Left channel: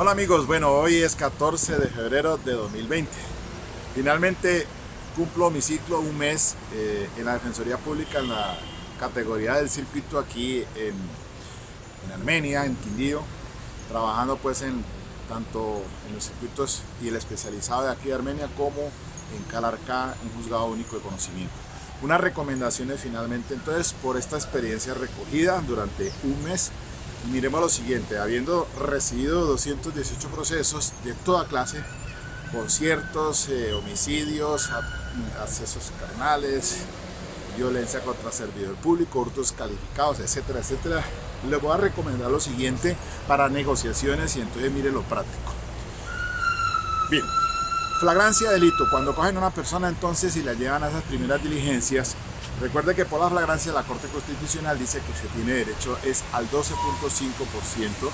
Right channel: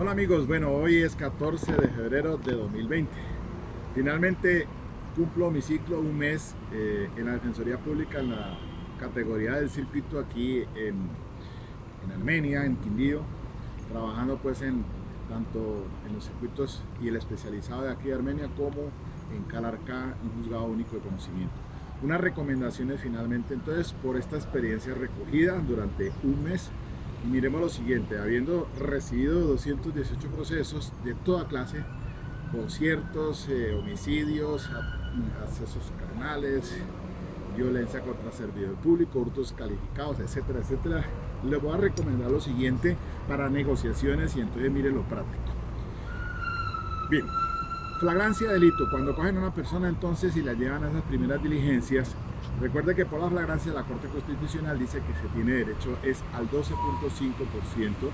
Hola amigos, bueno, hoy es 14 de febrero de 2020. Finalmente cumplo mi ciclo, un mes en la Defensoría Pública en la categoría del circuito aquí en Armenia, en Quindío, trabajando pues tanto en los circuitos y el especializado de aquí de Armenia como en Calarcá, un juzgado único de conocimiento. Unas recomendaciones finalmente entonces por esta experiencia recogida durante un mes. Y miremos lo siguiente: habiendo recibido 218 procesos de toda clase, conciertos, homicidios, accesos carnales, violencia contra servidor público, hurtos calificados, etcétera, etcétera, les voy a recomendar lo siguiente para negociaciones y entonces mire lo práctico. Bien, flagrancia delito. Cuando cogen a una persona entonces y la llevan a esas primeras diligencias, recuerde que por la flagrancia la Corte Constitucional dice que se tiene derecho es al 12.5%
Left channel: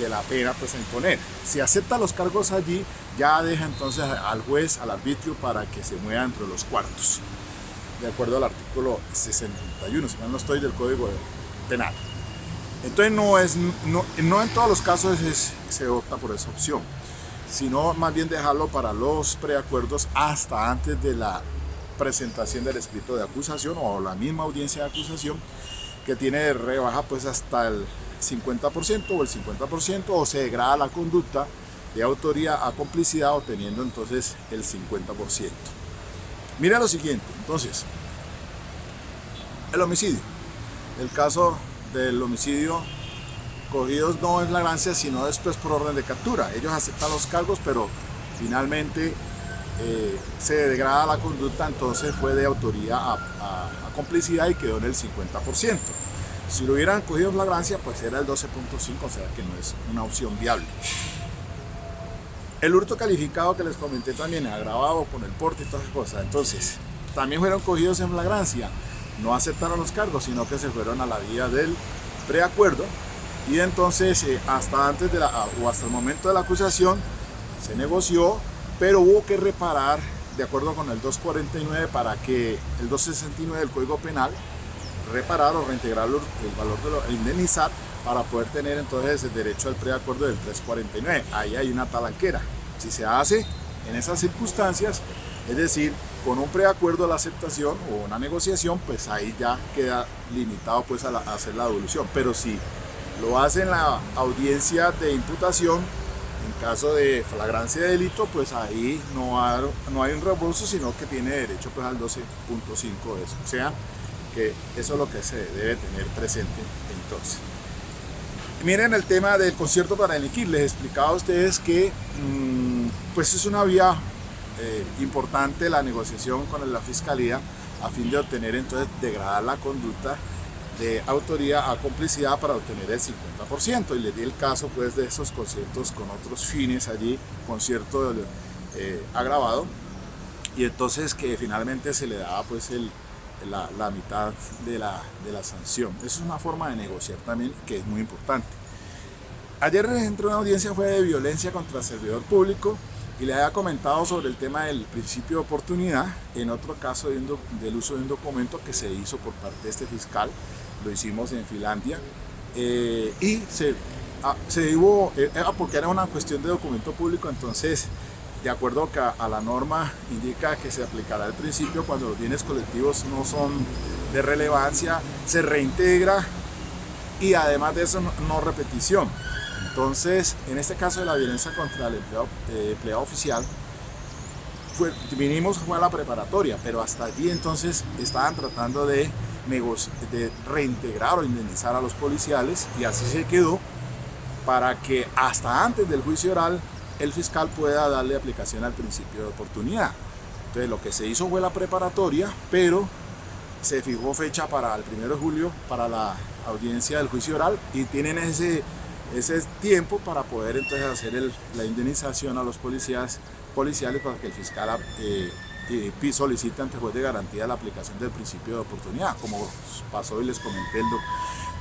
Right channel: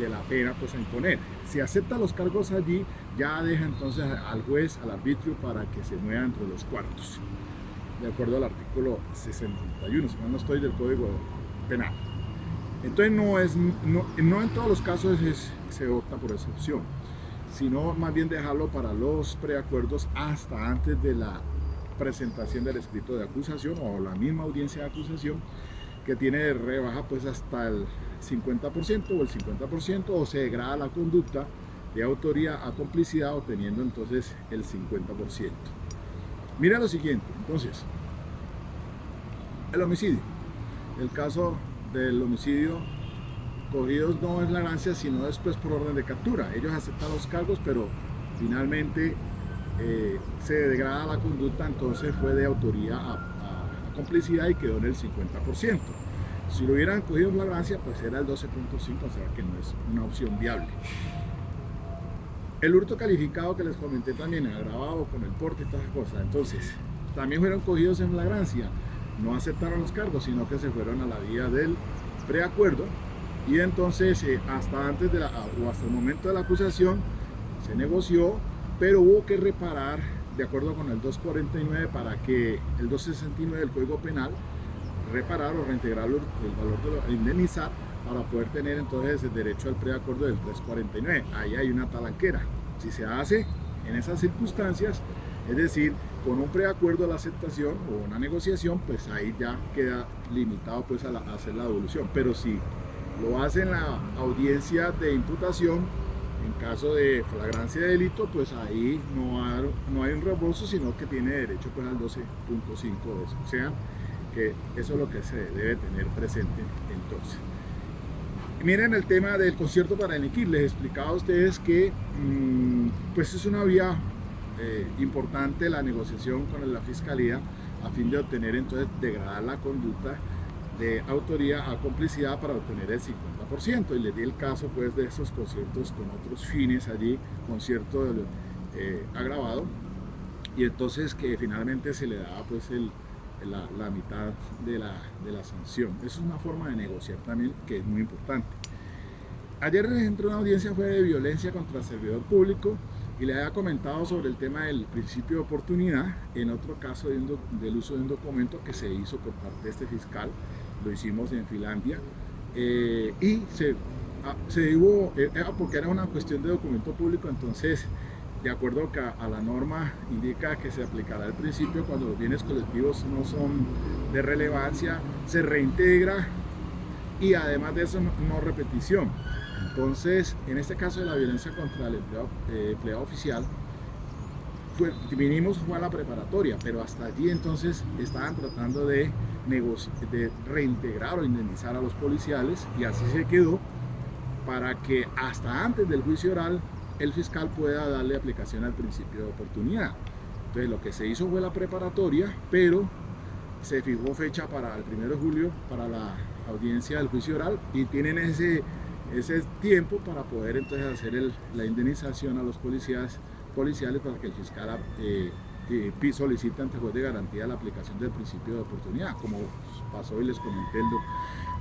de la pena pues a imponer. Si acepta los cargos allí, ya deja entonces al juez, al arbitrio, para que se mueva entre los cuartos, de acuerdo al artículo 61, si mal no estoy, del Código Penal. Entonces no en todos los casos se opta por esa opción, sino más bien dejarlo para los preacuerdos hasta antes de la presentación del escrito de acusación o la misma audiencia de acusación, que tiene rebaja pues hasta el 50% o el 50%, o se degrada la conducta de autoría a complicidad obteniendo entonces el 50%. Mira lo siguiente, entonces, el homicidio. El caso del homicidio cogidos no en flagrancia, sino después por orden de captura. Ellos aceptan los cargos, pero finalmente se degrada la conducta, entonces fue de autoría a complicidad y quedó en el 50%. Si lo hubieran cogido en flagrancia, pues era el 12.5%, o sea que no es una opción viable. El hurto calificado que les comenté también, agravado con el porte y todas esas cosas, entonces también fueron cogidos en flagrancia, no aceptaron los cargos, sino que se fueron a la vía del preacuerdo, y entonces hasta antes de o hasta el momento de la acusación se negoció, pero hubo que reparar de acuerdo con el 249 para que el 269 del Código Penal, reparar o reintegrar el valor de indemnizar para poder tener entonces el derecho al preacuerdo del 349. Ahí hay una talanquera. Si se hace en esas circunstancias, es decir, con un preacuerdo a la aceptación o una negociación, pues ahí ya queda limitado pues a hacer la devolución. Pero si lo hace en la audiencia de imputación, en caso de flagrancia de delito, pues ahí no hay un reembolso, sino que tiene derecho pues al 12.5 de eso. O sea, que eso es lo que se debe tener presente entonces. Miren el tema del concierto para delinquir. Les explicaba a ustedes que pues es una vía importante la negociación con la fiscalía a fin de obtener entonces degradar la conducta de autoría a complicidad para obtener el 50%, y les di el caso pues de esos conciertos con otros fines allí, concierto agravado, y entonces que finalmente se le daba pues la mitad de la sanción. Eso es una forma de negociar también que es muy importante. Ayer entró una audiencia fue de violencia contra el servidor público, y le había comentado sobre el tema del principio de oportunidad en otro caso del uso de un documento que se hizo por parte de este fiscal. Lo hicimos en Finlandia, y porque era una cuestión de documento público, entonces de acuerdo a la norma indica que se aplicará el principio cuando los bienes colectivos no son de relevancia, se reintegra, y además de eso no repetición. Entonces en este caso de la violencia contra el empleado oficial, vinimos fue a la preparatoria, pero hasta allí entonces estaban tratando de reintegrar o indemnizar a los policiales, y así se quedó para que hasta antes del juicio oral el fiscal pueda darle aplicación al principio de oportunidad. Entonces lo que se hizo fue la preparatoria, pero se fijó fecha para el 1 de julio para la audiencia del juicio oral, y tienen ese tiempo para poder entonces hacer la indemnización a los policiales para que el fiscal solicite ante juez de garantía la aplicación del principio de oportunidad, como pasó y les comenté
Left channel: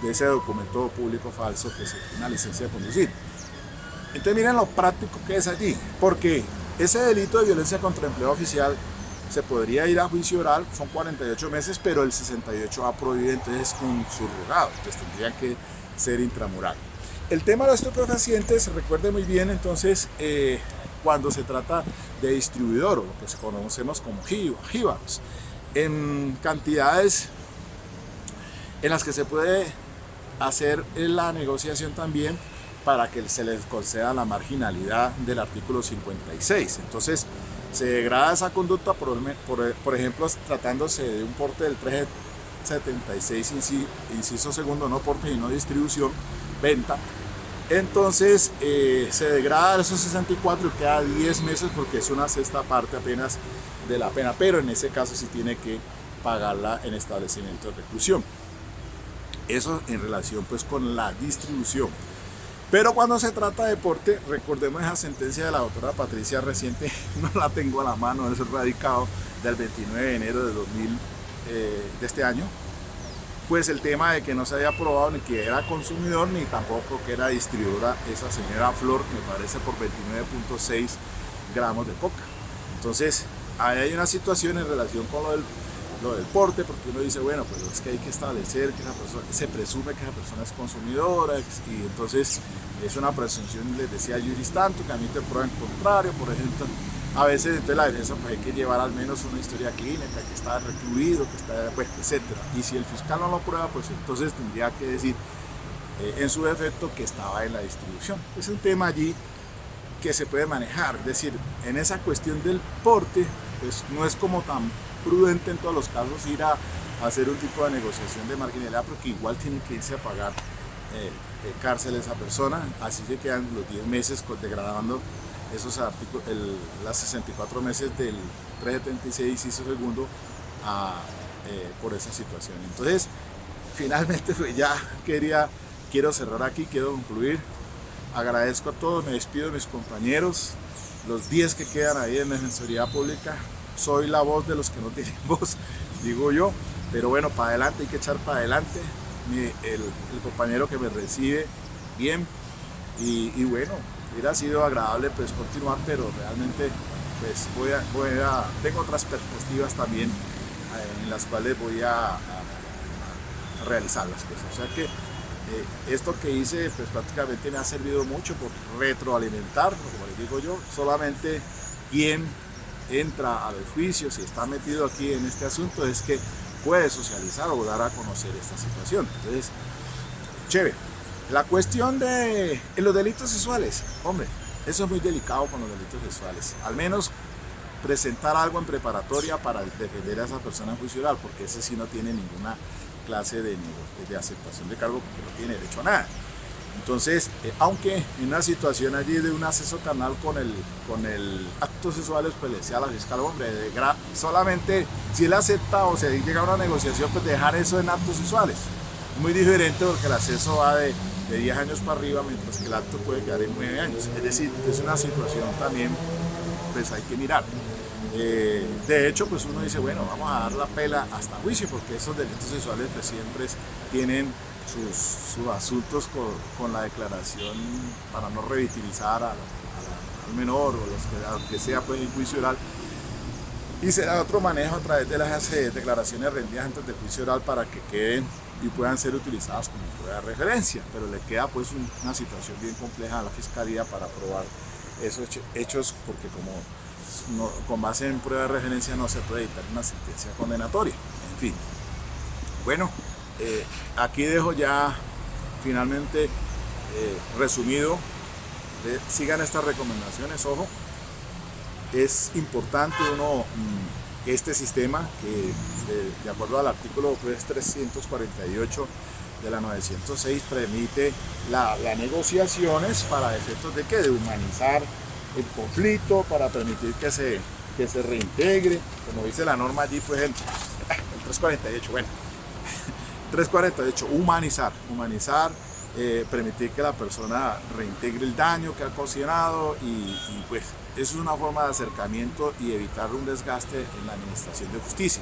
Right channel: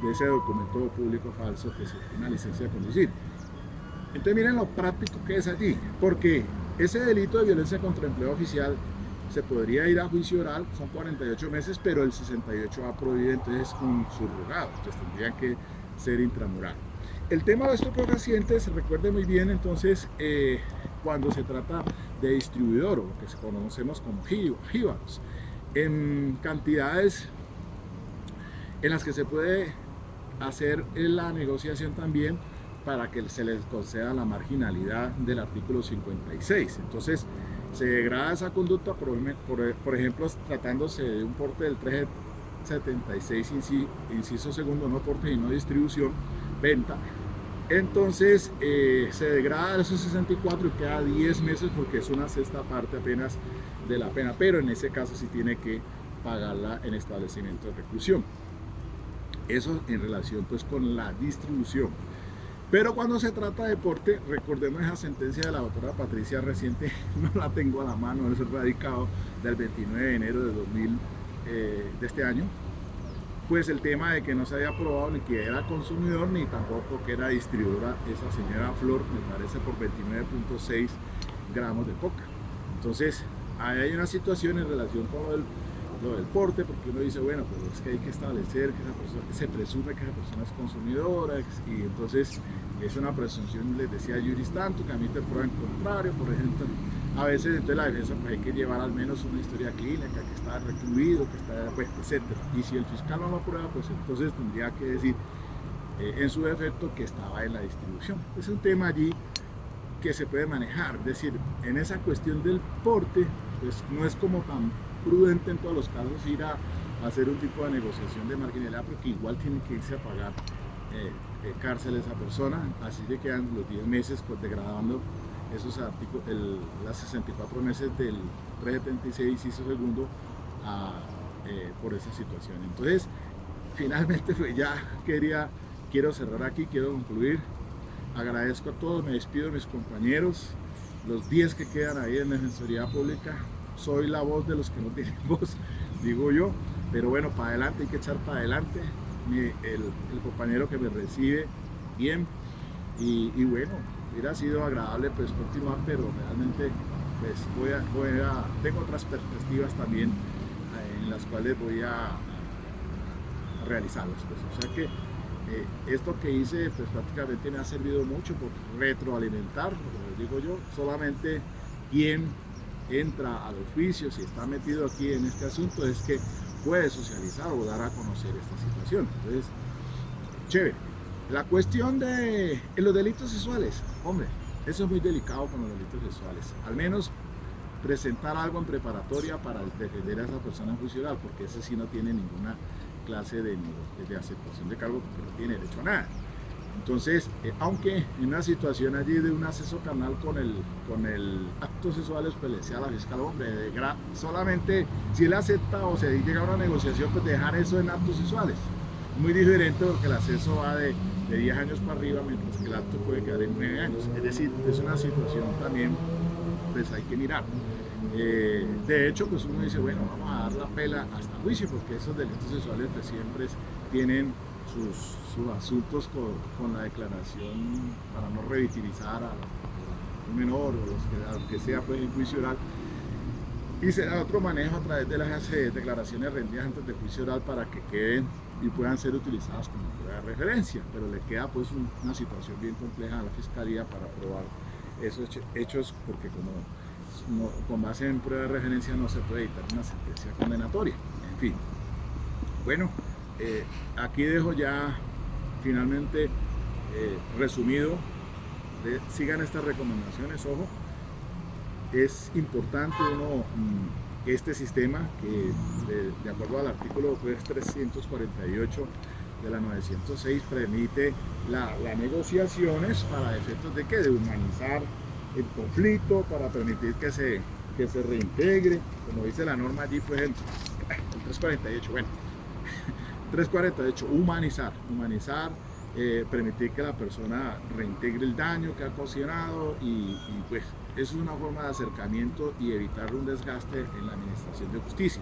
de ese documento público falso que es una licencia de conducir. Entonces miren lo práctico que es allí, porque ese delito de violencia contra empleado oficial se podría ir a juicio oral, son 48 meses, pero el 68A prohíbe entonces un subrogado, entonces tendría que ser intramural. El tema de los estupefacientes, recuerde muy bien, entonces, cuando se trata de distribuidor, o lo que conocemos como jíbaros, en cantidades en las que se puede hacer la negociación también para que se les conceda la marginalidad del artículo 56. Entonces, se degrada esa conducta, por ejemplo, tratándose de un porte del 376, inciso segundo, no porte y no distribución, venta. Entonces se degrada esos 64 y queda 10 meses porque es una sexta parte apenas de la pena, pero en ese caso sí tiene que pagarla en establecimiento de reclusión. Eso en relación pues con la distribución. Pero cuando se trata de porte, recordemos esa sentencia de la doctora Patricia reciente, no la tengo a la mano, es el radicado del 29 de enero de 2000 de este año, pues el tema de que no se había probado ni que era consumidor ni tampoco que era distribuidora esa señora Flor, me parece por 29.6 gramos de coca. Entonces ahí hay una situación en relación con lo del porte, porque uno dice, bueno, pero es que hay que establecer que esa persona, se presume que esa persona es consumidora, y entonces es una presunción, les decía Juris tanto, que a mí te prueba en contrario, por ejemplo. A veces entonces la defensa pues hay que llevar al menos una historia clínica, que está recluido, que está, pues, etcétera. Y si el fiscal no lo prueba, pues entonces tendría que decir en su defecto que estaba en la distribución. Es un tema allí que se puede manejar, es decir, en esa cuestión del porte, pues no es como tan prudente en todos los casos ir a hacer un tipo de negociación de marginalidad, porque igual tiene que irse a pagar cárcel esa persona, así se quedan los 10 meses degradando esos artículos, las 64 meses del 376 inciso segundo por esa situación. Entonces, finalmente pues ya quiero cerrar aquí, quiero concluir. Agradezco a todos, me despido de mis compañeros, los 10 que quedan ahí en Defensoría Pública. Soy la voz de los que no tienen voz, digo yo, pero bueno, para adelante, hay que echar para adelante. El compañero que me recibe bien, y bueno, hubiera sido agradable pues continuar, pero realmente pues tengo otras perspectivas también en las cuales voy a realizarlas, pues. O sea que esto que hice pues prácticamente me ha servido mucho por retroalimentar, como les digo yo. Solamente quien entra a los juicios y está metido aquí en este asunto es que puede socializar o dar a conocer esta situación. Entonces, chévere. La cuestión de los delitos sexuales, hombre, eso es muy delicado con los delitos sexuales. Al menos presentar algo en preparatoria para defender a esa persona en juicio oral, porque ese sí no tiene ninguna clase de aceptación de cargo, porque no tiene derecho a nada. Entonces, aunque en una situación allí de un acceso carnal con el acto sexual, pues le decía a la fiscal, hombre, solamente si él acepta o se llega a una negociación, pues dejar eso en actos sexuales. Muy diferente, porque el acceso va de 10 años para arriba, mientras que el acto puede quedar en 9 años. Es decir, es una situación también, pues hay que mirar. De hecho, pues uno dice, bueno, vamos a dar la pela hasta juicio, porque esos delitos sexuales pues siempre tienen sus asuntos con la declaración para no revictimizar al menor, o aunque sea pues en juicio oral, y se da otro manejo a través de las declaraciones rendidas antes del juicio oral para que queden y puedan ser utilizadas como prueba de referencia, pero le queda pues una situación bien compleja a la fiscalía para probar esos hechos, porque con base en prueba de referencia no se puede dictar una sentencia condenatoria. En fin, bueno, aquí dejo ya finalmente resumido. Sigan estas recomendaciones, ojo, es importante este sistema que de acuerdo al artículo pues, 348 de la 906 permite las negociaciones para efectos de ¿qué? De humanizar el conflicto, para permitir que se reintegre, como dice la norma allí, pues el 348, bueno, 348, humanizar, permitir que la persona reintegre el daño que ha ocasionado y pues eso es una forma de acercamiento y evitar un desgaste en la administración de justicia.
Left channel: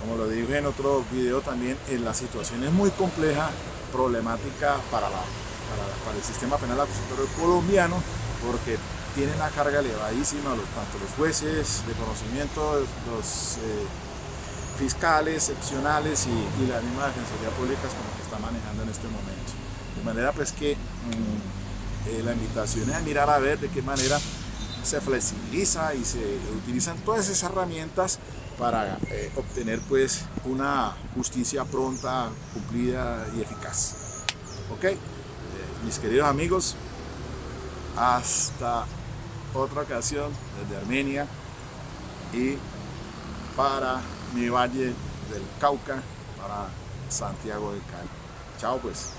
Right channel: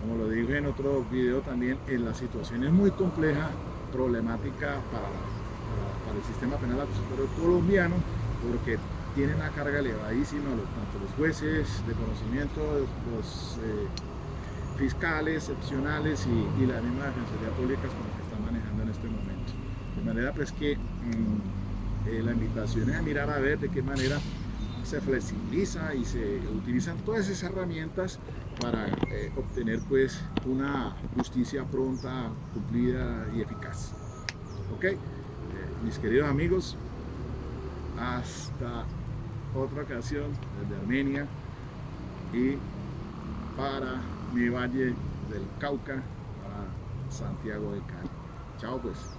Como lo dije en otro video también, la situación es muy compleja, problemática para el sistema penal acusatorio colombiano, porque tiene una carga elevadísima, tanto los jueces de conocimiento, los fiscales excepcionales y la misma Defensoría Pública como que está manejando en este momento. De manera pues que la invitación es a mirar a ver de qué manera se flexibiliza y se utilizan todas esas herramientas para obtener pues una justicia pronta, cumplida y eficaz. Ok, mis queridos amigos, hasta otra ocasión desde Armenia y para mi valle del Cauca, para Santiago del Cali. Chao pues.